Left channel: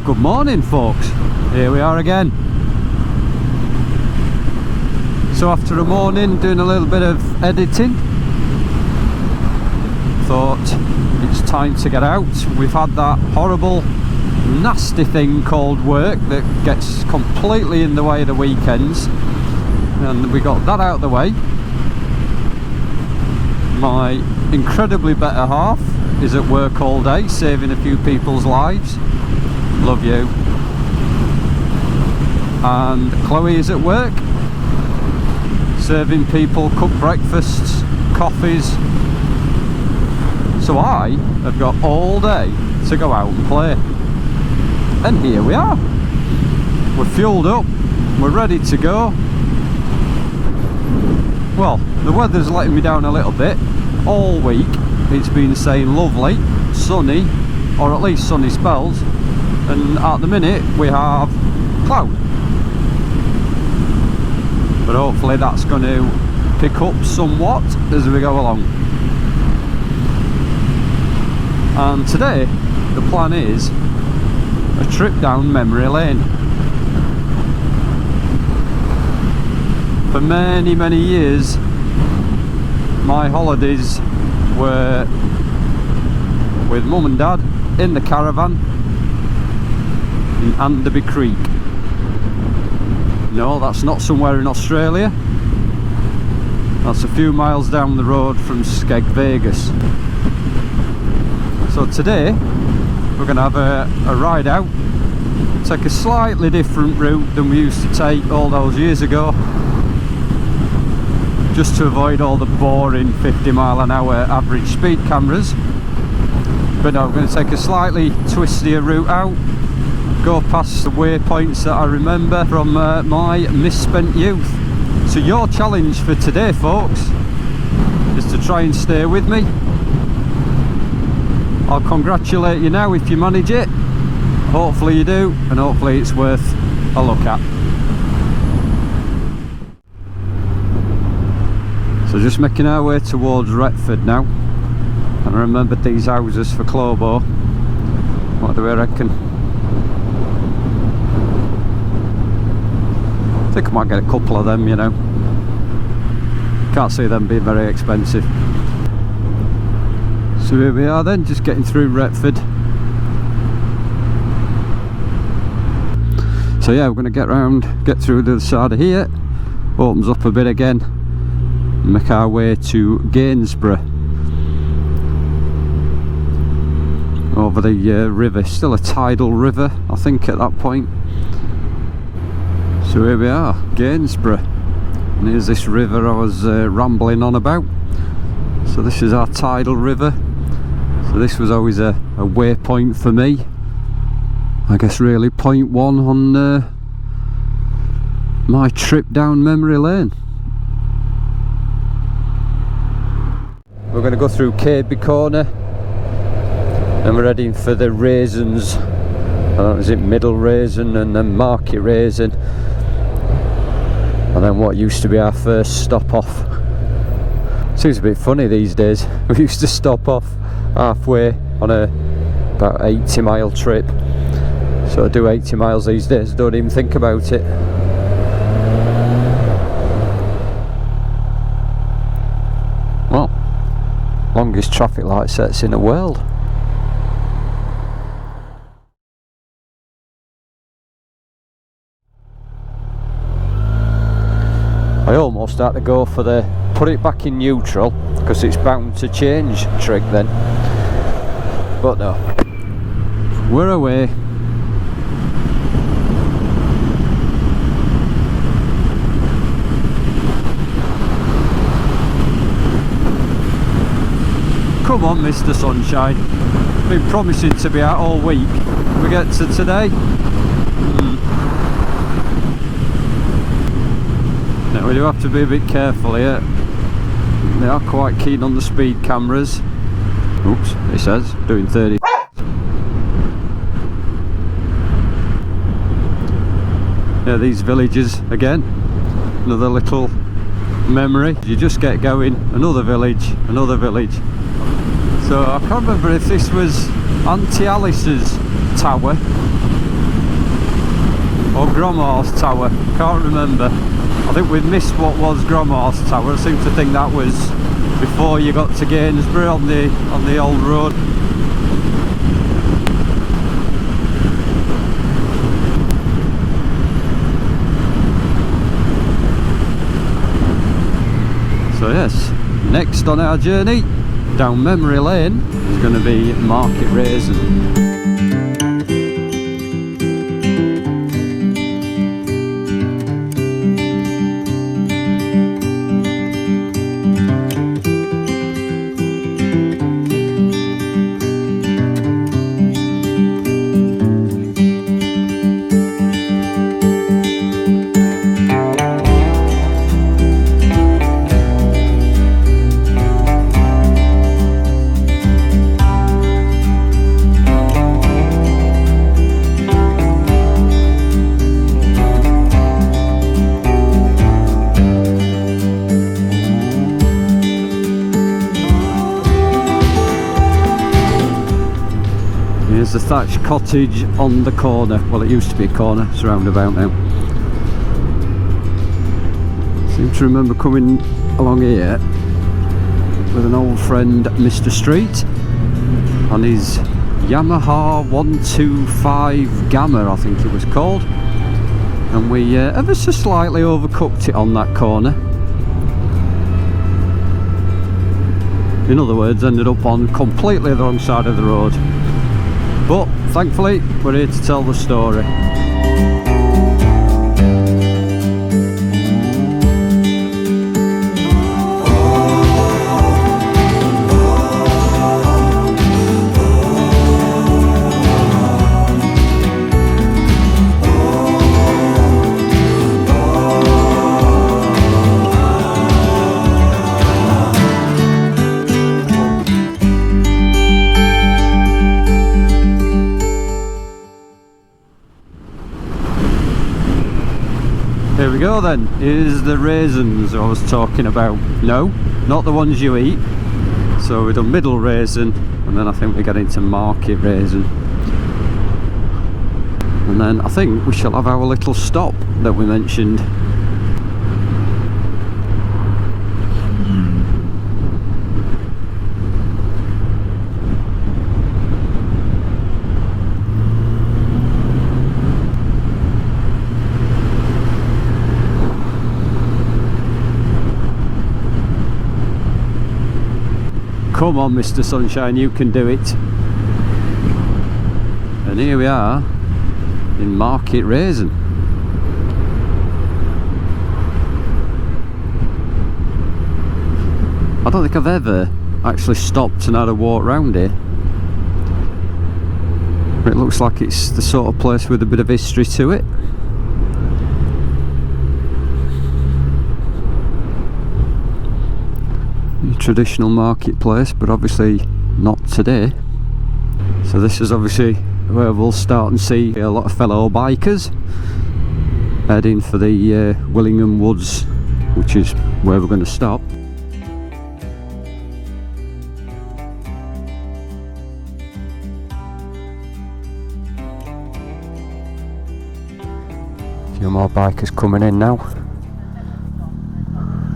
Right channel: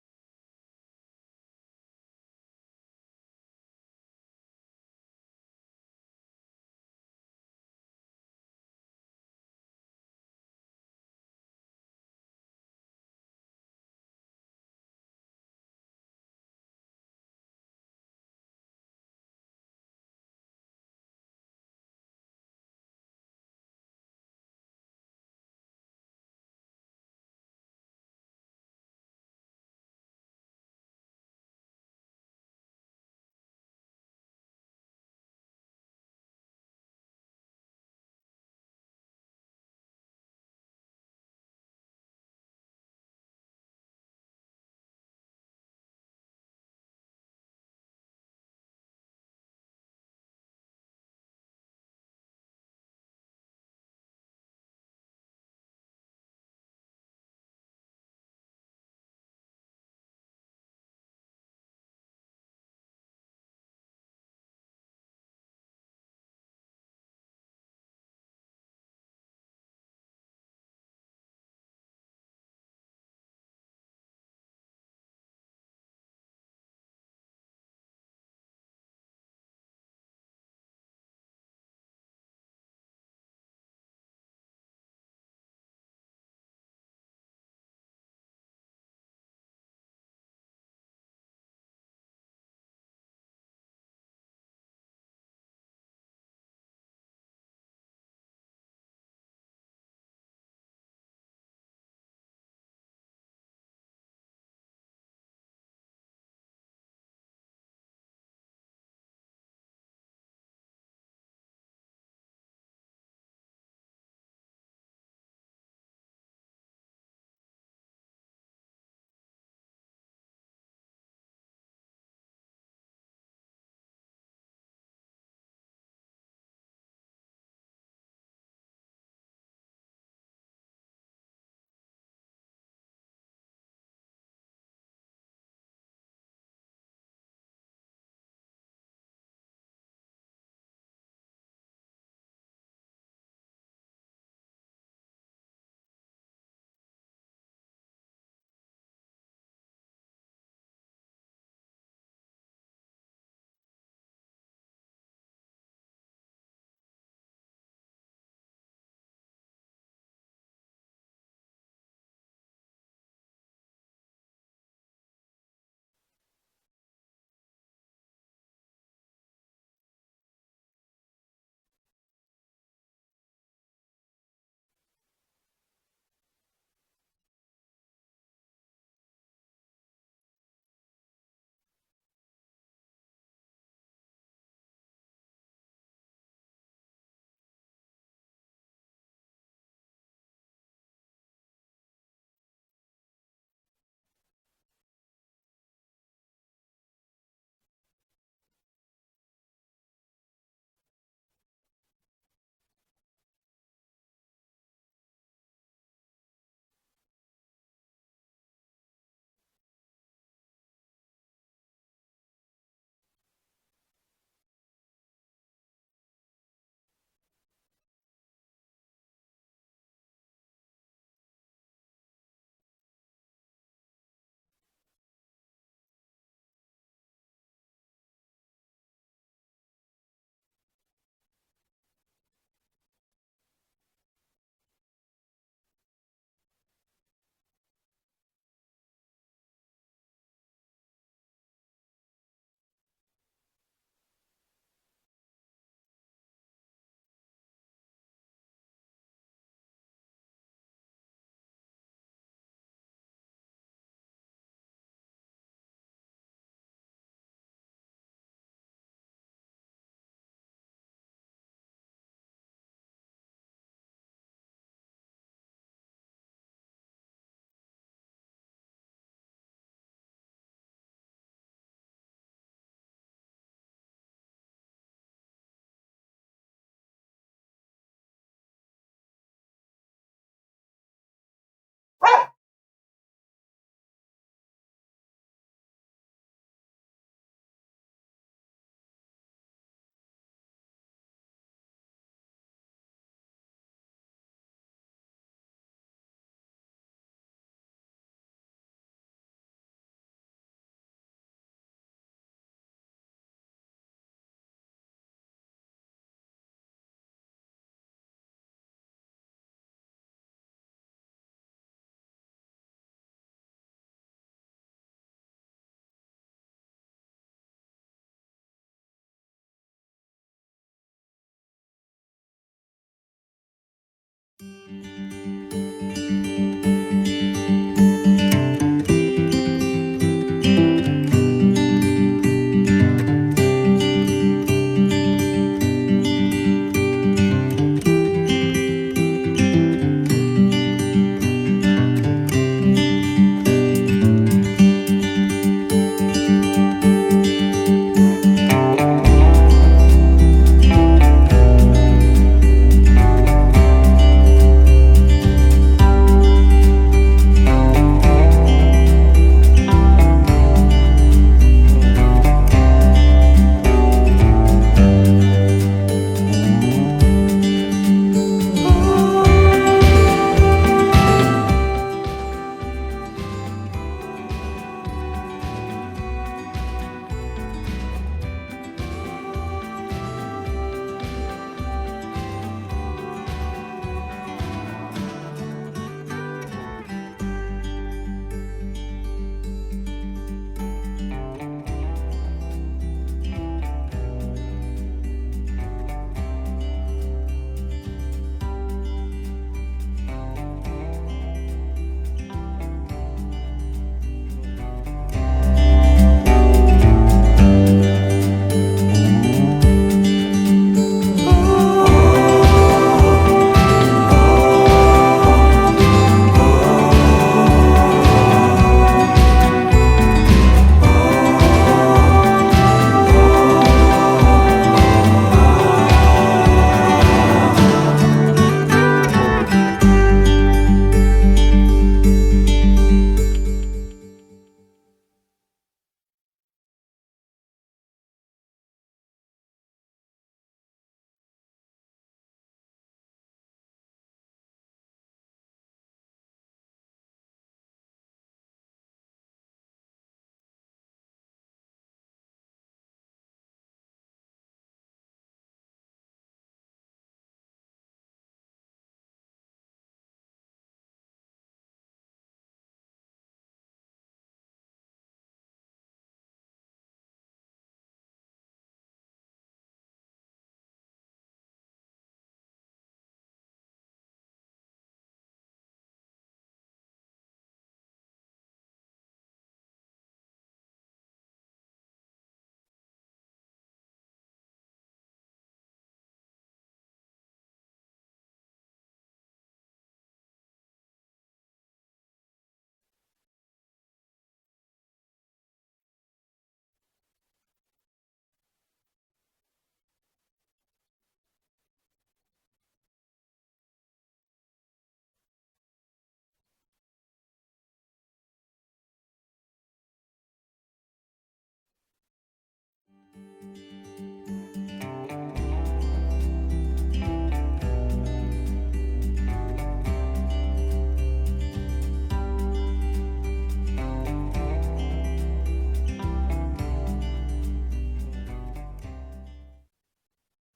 Well, good morning folks, here we are again. So after a morning doing a little bit of editing, thought it's time to get out. We've had that horrible nasty thing called work that gets completely in the way of the weekends, and we got that out of the way. My incredibly better half is at work all day saving a few people's lives. Love you. And Chloe is at work serving people cooked breakfasts, coffees. So I have got all day to go out and play. And here we are. We're fueled up, we're ready to go. Well, the weather's letting me down a little bit. All week it's been saying lovely, sunny, or at least sunny spells. And at the minute we have cloud. But hopefully that's going to pick up somewhat as we go along. And today the plan is a trip down memory lane. For many years my holidays were with mum and dad in the caravan in Anderby Creek. No, that's not somewhere in Australia. That's a few miles down the road from Skeg Vegas. So today we're going to have a ride out, take a slightly different route than we used to take all those years ago, just to avoid all the boring 50-mile-an-hour average speed cameras. But no, we're going to take a slightly twistier route out, go past the waypoints that I remember from my misspent youth. So your challenge for today, folks, is to try and stay with me. I'll congratulate you now if you manage it. Hopefully you do, and hopefully it's worth a look at. So just making our way towards Retford now, and I remembered these houses for Clobo. What do we reckon? I think I might get a couple of them, you know. Can't see them being very expensive. So here we are then, just getting through Retford. So yeah, we're going to get through the other side of here, opens up a bit again, and make our way to Gainsborough. Over the river, still a tidal river I think at that point. So here we are, Gainsborough, and here's this river I was rambling on about. So this is our tidal river. So this was always a waypoint for me. I guess really point one on my trip down memory lane. We're going to go through Kirby Corner, and we're heading for the Raisins. I don't know, is it Middle Raisin and then Market Raisin, and then what used to be our first stop off. Seems a bit funny these days. We used to stop off halfway on about 80-mile trip. So I do 80 miles these days, don't even think about it. Well, longest traffic light sets in the world. I almost had to go for the put it back in neutral, because it's bound to change trick then. But no, we're away. Come on, Mr. Sunshine. Been promising to be out all week. We get to today. Now we do have to be a bit careful here. They are quite keen on the speed cameras. Oops, it says doing 30. Yeah, these villages again. Another little memory. You just get going, another village, another village. So I can't remember if this was Auntie Alice's tower or Gromhorse Tower, can't remember. I think we've missed what was Gromhorse Tower. I seem to think that was before you got to Gainsborough on the old road. So yes, next on our journey down memory lane is going to be Market Raisin. The thatched cottage on the corner. Well, it used to be a corner, it's a roundabout now. Seem to remember coming along here with an old friend, Mr. Street, on his Yamaha 125 Gamma, I think it was called, and we ever so slightly overcooked it on that corner. In other words, ended up on completely the wrong side of the road. But thankfully, we're here to tell the story. Here we go then, here's the raisins I was talking about. No, not the ones you eat. So we've done middle raisin, and then I think we get into Market Raisin. And then I think we shall have our little stop that we mentioned. Come on, Mr. Sunshine, you can do it. And here we are in Market Raisin. I don't think I've ever actually stopped and had a walk round here. It looks like it's the sort of place with a bit of history to it. Traditional marketplace, but obviously not today. So this is obviously where we'll start and see a lot of fellow bikers heading for the Willingham Woods, which is where we're going to stop. A few more bikers coming in now.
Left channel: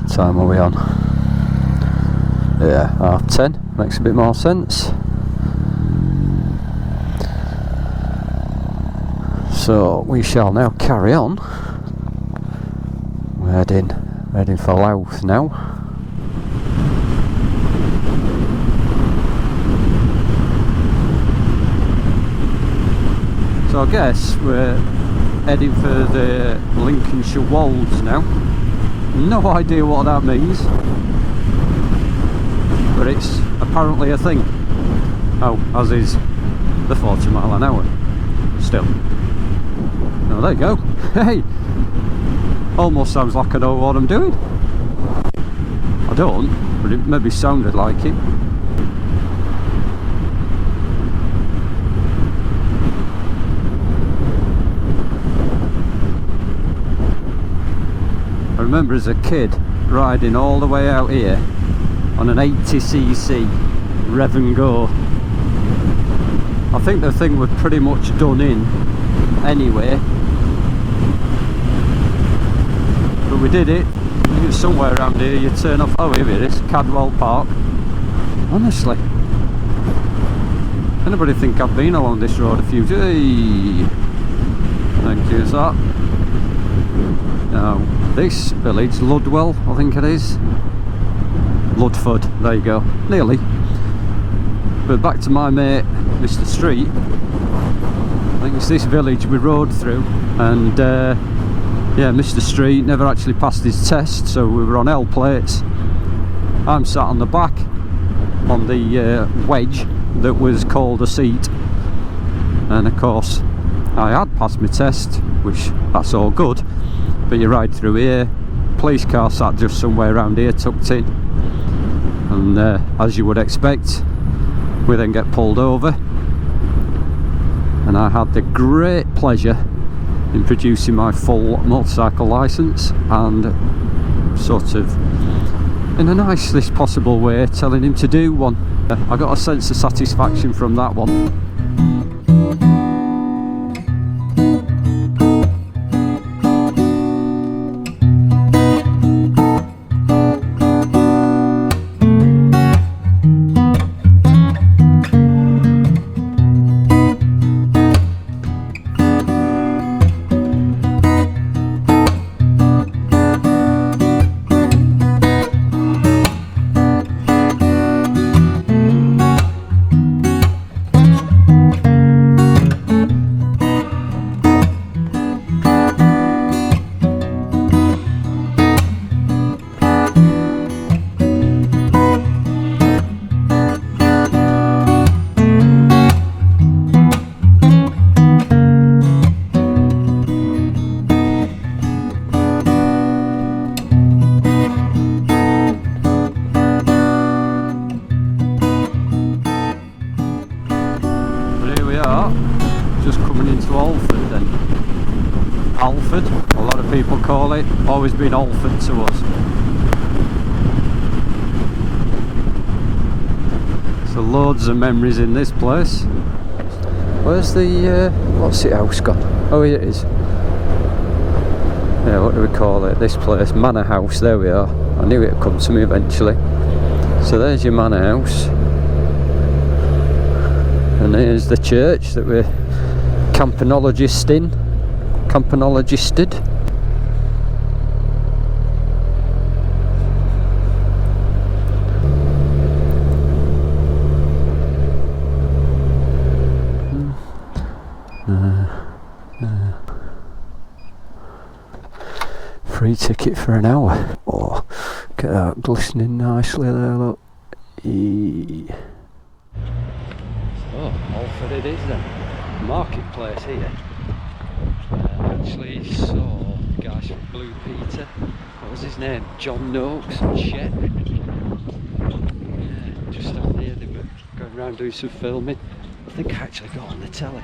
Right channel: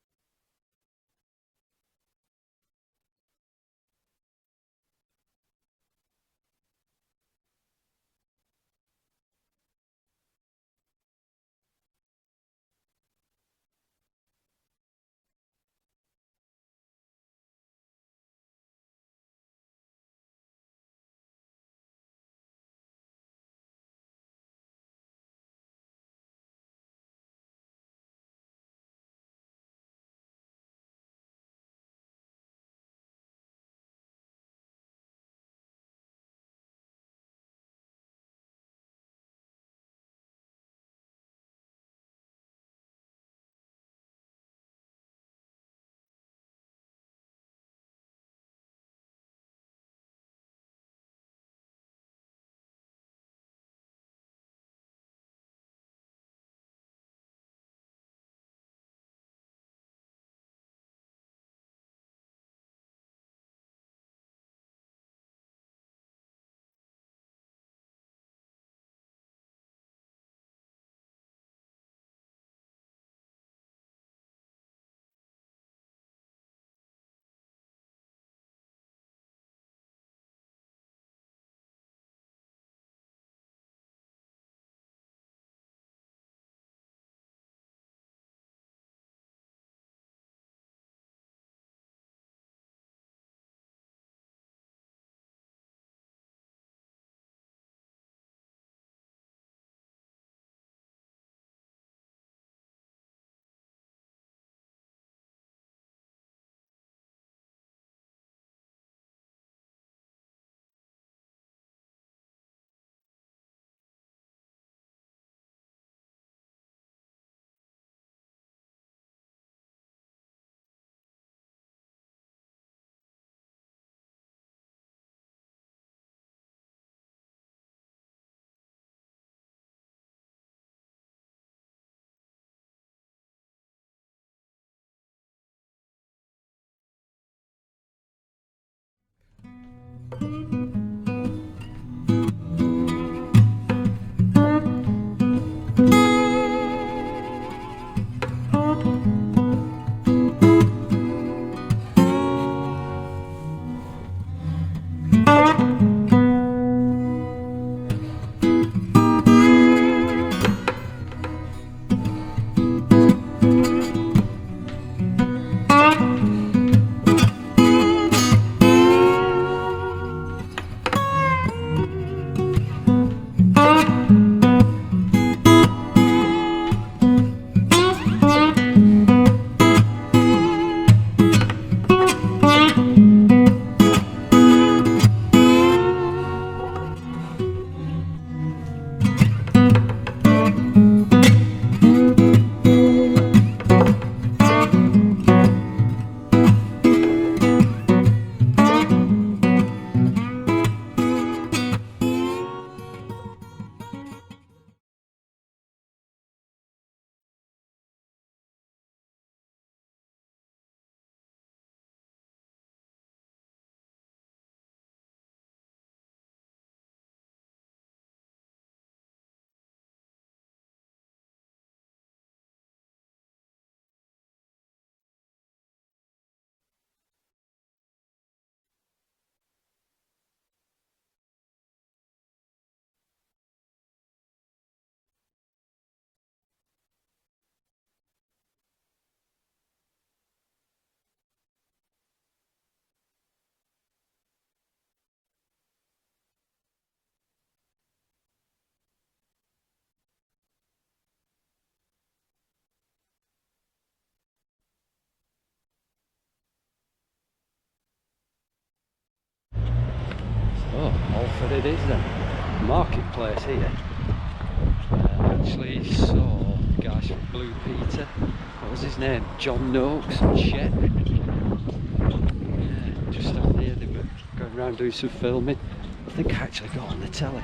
What time are we on? Yeah, 10:30, makes a bit more sense. So we shall now carry on. We're heading for Louth now. So I guess we're heading for the Lincolnshire Wolds now. No idea what that means, but it's apparently a thing. Oh, as is the 40 mile an hour. Still. Oh, there you go. Hey! Almost sounds like I know what I'm doing. I don't, but it maybe sounded like it. I remember as a kid riding all the way out here on an 80cc rev and go. I think the thing was pretty much done in anyway, we did it. I think it's somewhere around here. You turn off. Oh, here it is, Cadwell Park. Honestly, anybody think I've been along this road a few times? Hey, thank you, sir. Now, this village, Ludwell, I think it is. Ludford, there you go, nearly. But back to my mate, Mr. Street. I think it's this village we rode through, and yeah, Mr. Street never actually passed his test, so we were on L plates. I'm sat on the back on the wedge that was called a seat, and of course I had passed my test, which that's all good, but you ride through here, police car sat just somewhere around here tucked in, and as you would expect, we then get pulled over, and I had the great pleasure in producing my full motorcycle licence and sort of in the nicest possible way telling him to do one. I got a sense of satisfaction from that one. Alford, a lot of people call it, always been Alford to us. So loads of memories in this place. Where's the, what's it house gone? Oh, here it is. Yeah, what do we call it? This place, Manor House, there we are. I knew it'd come to me eventually. So there's your Manor House. And here's the church that we're campanologist in. Campanologisted. Free ticket for an hour. Oh, get that glistening nicely there, look. Oh, Alford it is then. Marketplace here. Actually saw the guys from Blue Peter. What was his name? John Noakes and Chet. Yeah, just down here they were going around doing some filming. I think I actually got on the telly.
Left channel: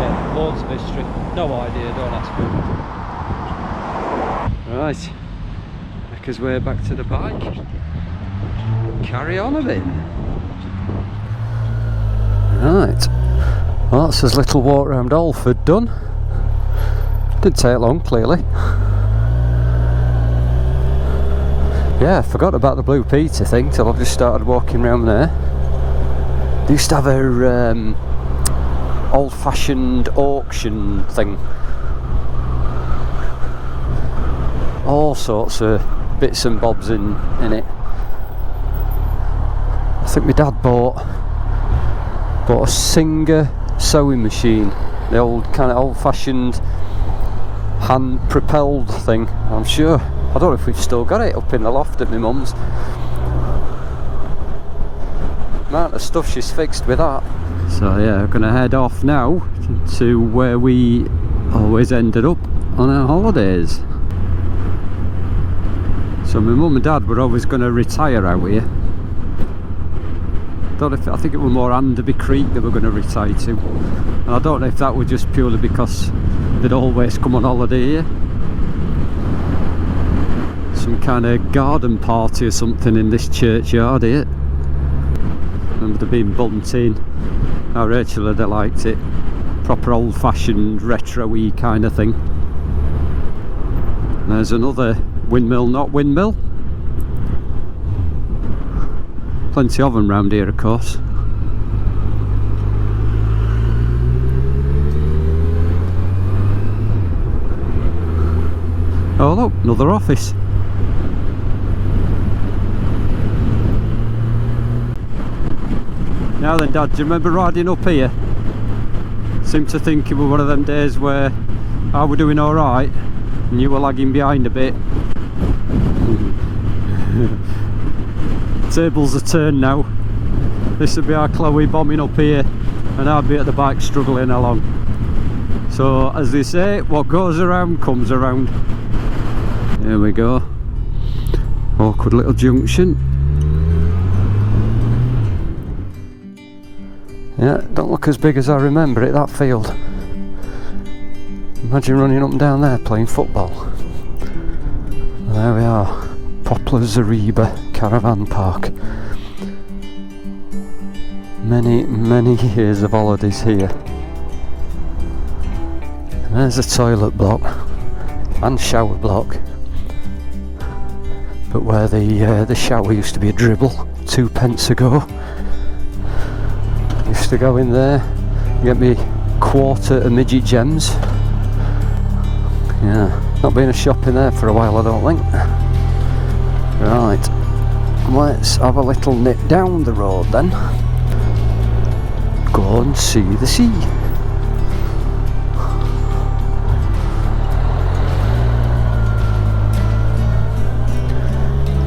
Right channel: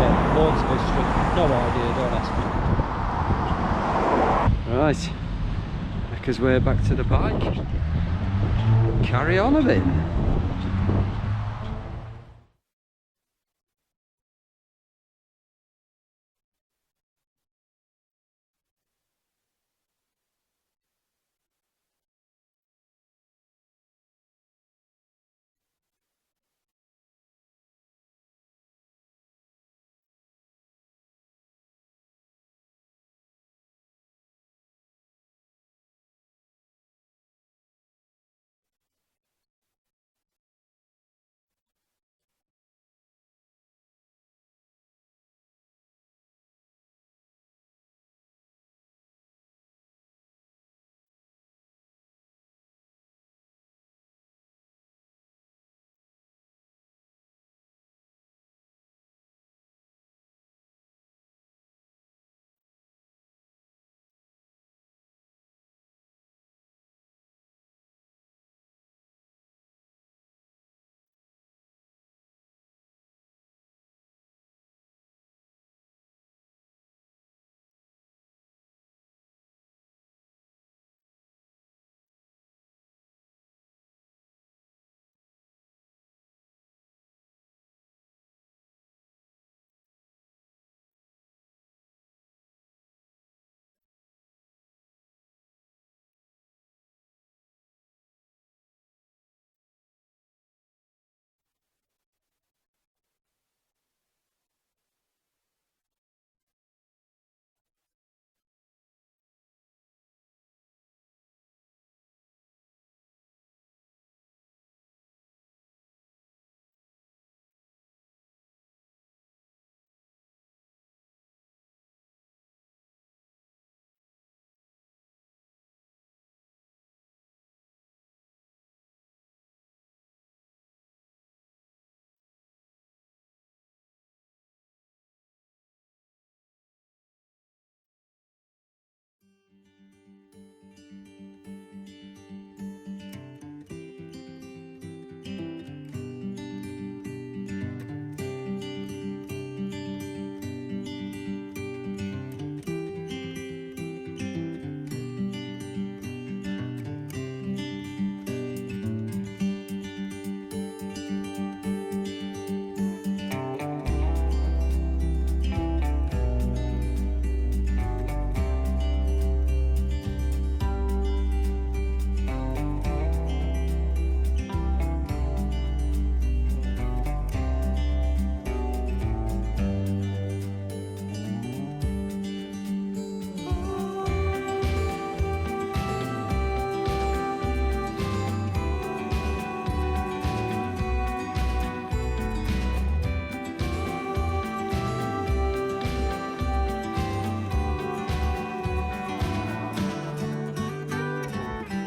Yeah, loads of history. No idea, don't ask me. Right. His way back to the bike. Carry on a bit. Right. Well, that's his little walk around Alford done. Didn't take long, clearly. Yeah, I forgot about the Blue Peter thing till I just started walking around there. They used to have a old-fashioned auction thing. All sorts of bits and bobs in it. I think my dad bought a Singer sewing machine, the old kind of old-fashioned hand-propelled thing. I'm sure. I don't know if we've still got it up in the loft at my mum's. Amount of stuff she's fixed with that. So yeah, we're gonna head off now to where we always ended up on our holidays. So my mum and dad were always going to retire out here. I think it was more Anderby Creek they were going to retire to. And I don't know if that was just purely because they'd always come on holiday here. Some kind of garden party or something in this churchyard here. remember there being bunting. Now Rachel had liked it. Proper old-fashioned retro-y kind of thing. And there's another windmill, not windmill. Plenty of them round here, of course. Oh look, another office. Now then, Dad, do you remember riding up here? Seem to think it was one of them days where I were doing alright and you were lagging behind a bit. Tables are turned now. This would be our Chloe bombing up here and I'd be at the back struggling along. So as they say, what goes around comes around. Here we go. Awkward little junction. Yeah, don't look as big as I remember it, that field. Imagine running up and down there playing football. There we are, Poplar Zareba Caravan Park. Many years of holidays here. There's a toilet block and shower block. But where the shower used to be a dribble 2 pence ago. Used to go in there, get me quarter of midget gems. Yeah, not been a shop in there for a while, I don't think. Right, let's have a little nip down the road then. Go and see the sea.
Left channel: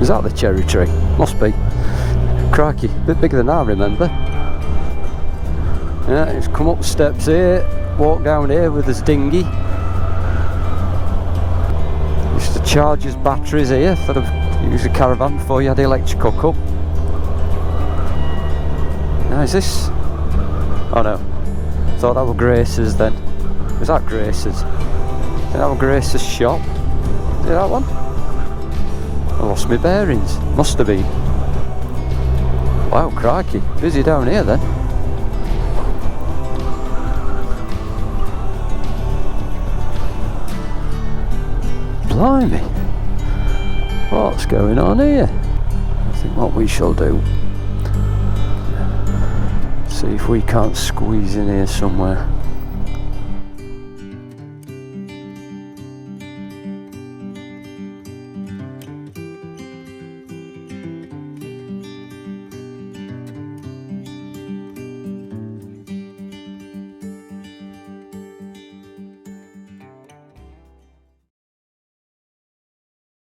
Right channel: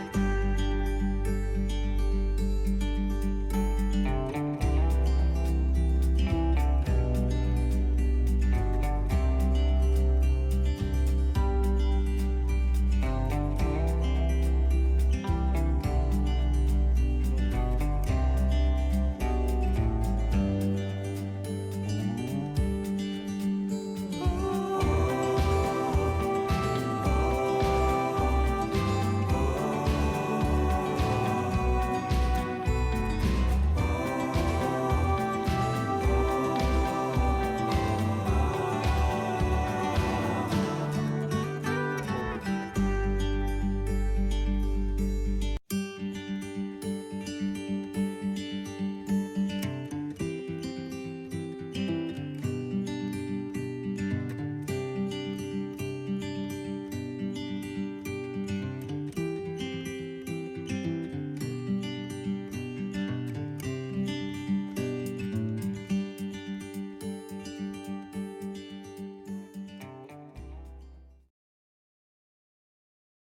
Is that the cherry tree? Must be. Crikey, a bit bigger than I remember. Yeah, he's come up steps here, walk down here with his dinghy. Used to charge his batteries here for the use a caravan before you had the electric hookup. Now is this? Oh no, thought that were Grace's then. Was that Grace's? That were Grace's shop? Is that one? I lost my bearings, must have been. Wow, crikey, busy down here then. Blimey, what's going on here? I think what we shall do, see if we can't squeeze in here somewhere.